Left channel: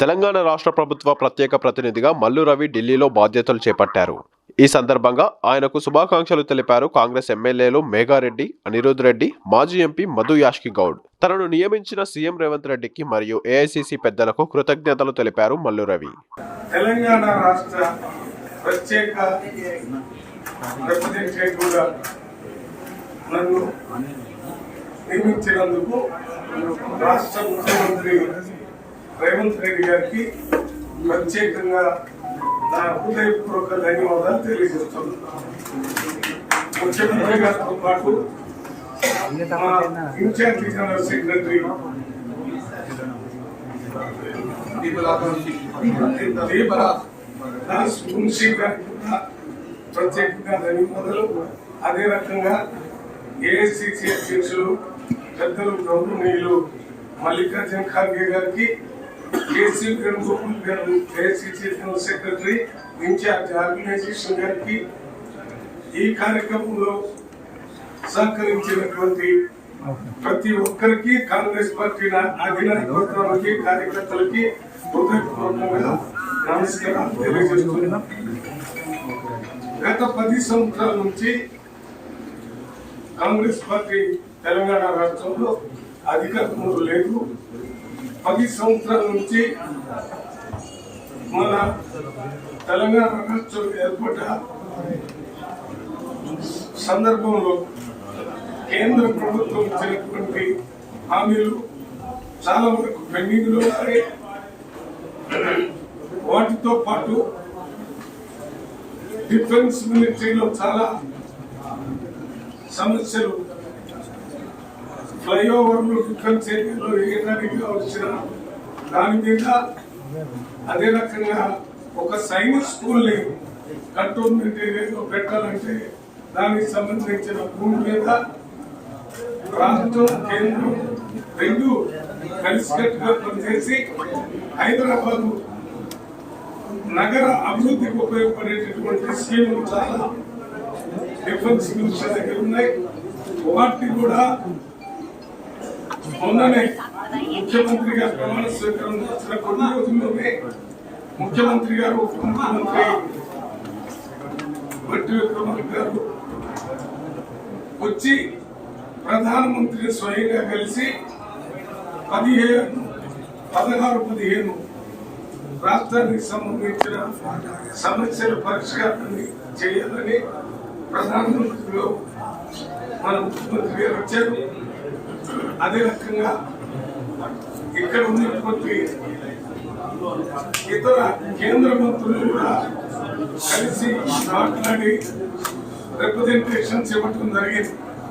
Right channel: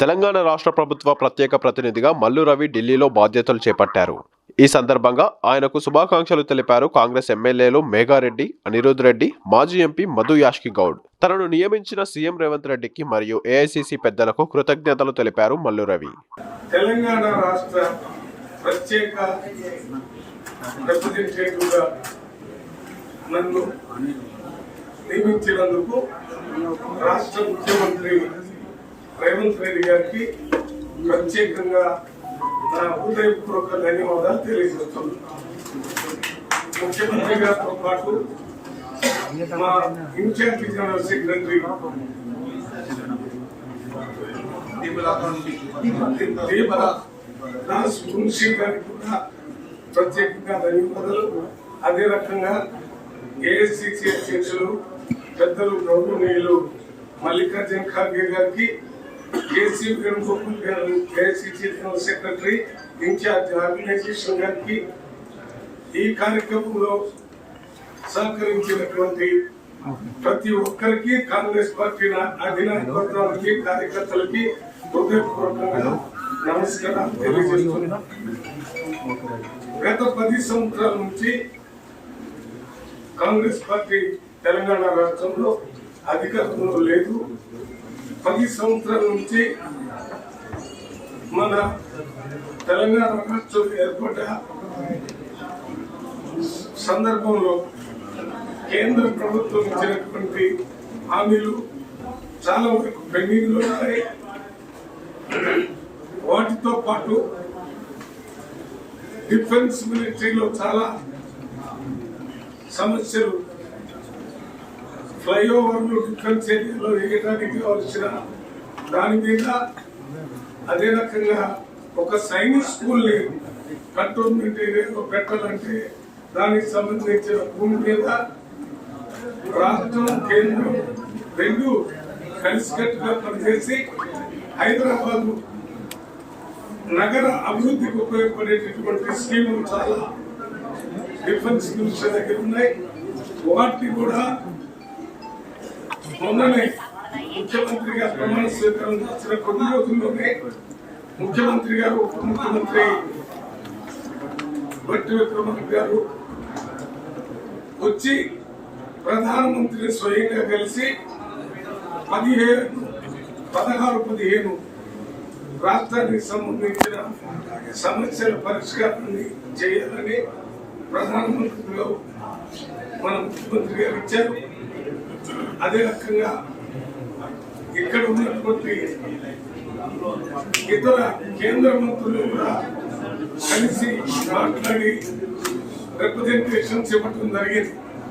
తెలంగాణ రాష్ట్ర ప్రభుత్వ ప్రత్యేక ప్రతినిధిగా మల్లు రవి ఢిల్లీలో బాధ్యతలు చేపట్టారు. ఈ సందర్భంగా ఆయనకు శుభాకాంక్షలు తెలిపారు కాంగ్రెస్ ఎమ్మెల్యేలు మేఘారెడ్డి, అనిరుద్ రెడ్డి, మాజీ ఎంపీ మధు యాష్కి గౌడ్. తనను నియమించిన సీఎం రేవంత్ రెడ్డికి మరియు ఏఐసీసీ పెద్దలకు కృతజ్ఞతలు తెలిపారు మల్లు రవి. తెలంగాణ రాష్ట్ర ప్రత్యేక రిప్రజెంటేటివ్గా నన్ను నియమించినందుకు రాష్ట్ర ముఖ్యమంత్రి రేవంత్ రెడ్డి గారికి ప్రత్యేకంగా నా హృదయపూర్వక ధన్యవాదాలు తెలియజేస్తున్నాను. ముఖ్యమంత్రి గారితో పాటు మా incharge general secretary Das Munshi గారికి కూడా ప్రత్యేకంగా ధన్యవాదాలు. అదే రకంగా ఏఐసిసి అధ్యక్షులు పెద్దలు గౌరవనీయులు మల్లికార్జున ఖార్గే గారికి, కేసీ వేణుగోపాల్ గారు AICC general secretary in-charge organisation గారికి, ఈ కార్యక్రమంలో సహకరించినటువంటి ప్రతి ఒక్కరికి, కాంగ్రెస్ పార్టీ అధినాయకత్వానికి, కార్యకర్తలకి హృదయపూర్వకంగా నమస్కారాలు తెలియజేస్తున్నాం. గత 10 సంవత్సరాల నుంచి కాంగ్రెస్ పార్టీ తెలంగాణ రాష్ట్రంలో అధికారంలో లేదు. 10 సంవత్సరాల నుంచి మన తెలంగాణ రాష్ట్రం ఏర్పడ్డ సందర్భంలో కేంద్ర ప్రభుత్వం ఇచ్చినటువంటి హామీలు చాలా వరకు పెండింగ్ లో ఉన్నాయి. వాటితో పాటు డిఫెన్స్ మిలిటరీలో చాలా సమస్యలు, ఫ్లైఓవర్లు డిఫెన్స్ ఏరియాలో వేయడానికి కావాల్సిన దాని మీద, అదే రకంగా ఒక సైనిక్ స్కూల్ని కంటోన్మెంట్ ఏరియాలో పెట్టాలంటే దానికి సంబంధించిన భూమి మీద రాష్ట్రం కేంద్రం రెండు కలిసికట్టుగా పనిచేసి హైదరాబాద్ నగర అభివృద్ధికి ఉపయోగపడేటటువంటి స్కీములు చాలా డిఫెన్స్ మినిస్టర్ దగ్గర ఉన్నాయి. వాటిని కూడా మొన్ననే ముఖ్యమంత్రి గారు ప్రమాణ స్వీకారం చేసిన కొన్ని రోజుల్లోనే ముఖ్యమంత్రి గారు, ఉప ముఖ్యమంత్రి భట్టి విక్రమార్క గారు వచ్చి ప్రధానమంత్రిని స్వయంగా కలిసి 16-15 రాష్ట్రానికి సంబంధించిన సమస్యల పరిష్కారాన్ని చేయాలని ప్రధానమంత్రిలో మన ముఖ్యమంత్రి గారు ఇచ్చారు. అదే రకంగా ఇక్కడ ఉన్నటువంటి ఇతర కేంద్ర మంత్రులు కూడా కలిసి మాట్లాడి రిప్రజెంటేషన్స్ ఇవ్వటం జరిగింది.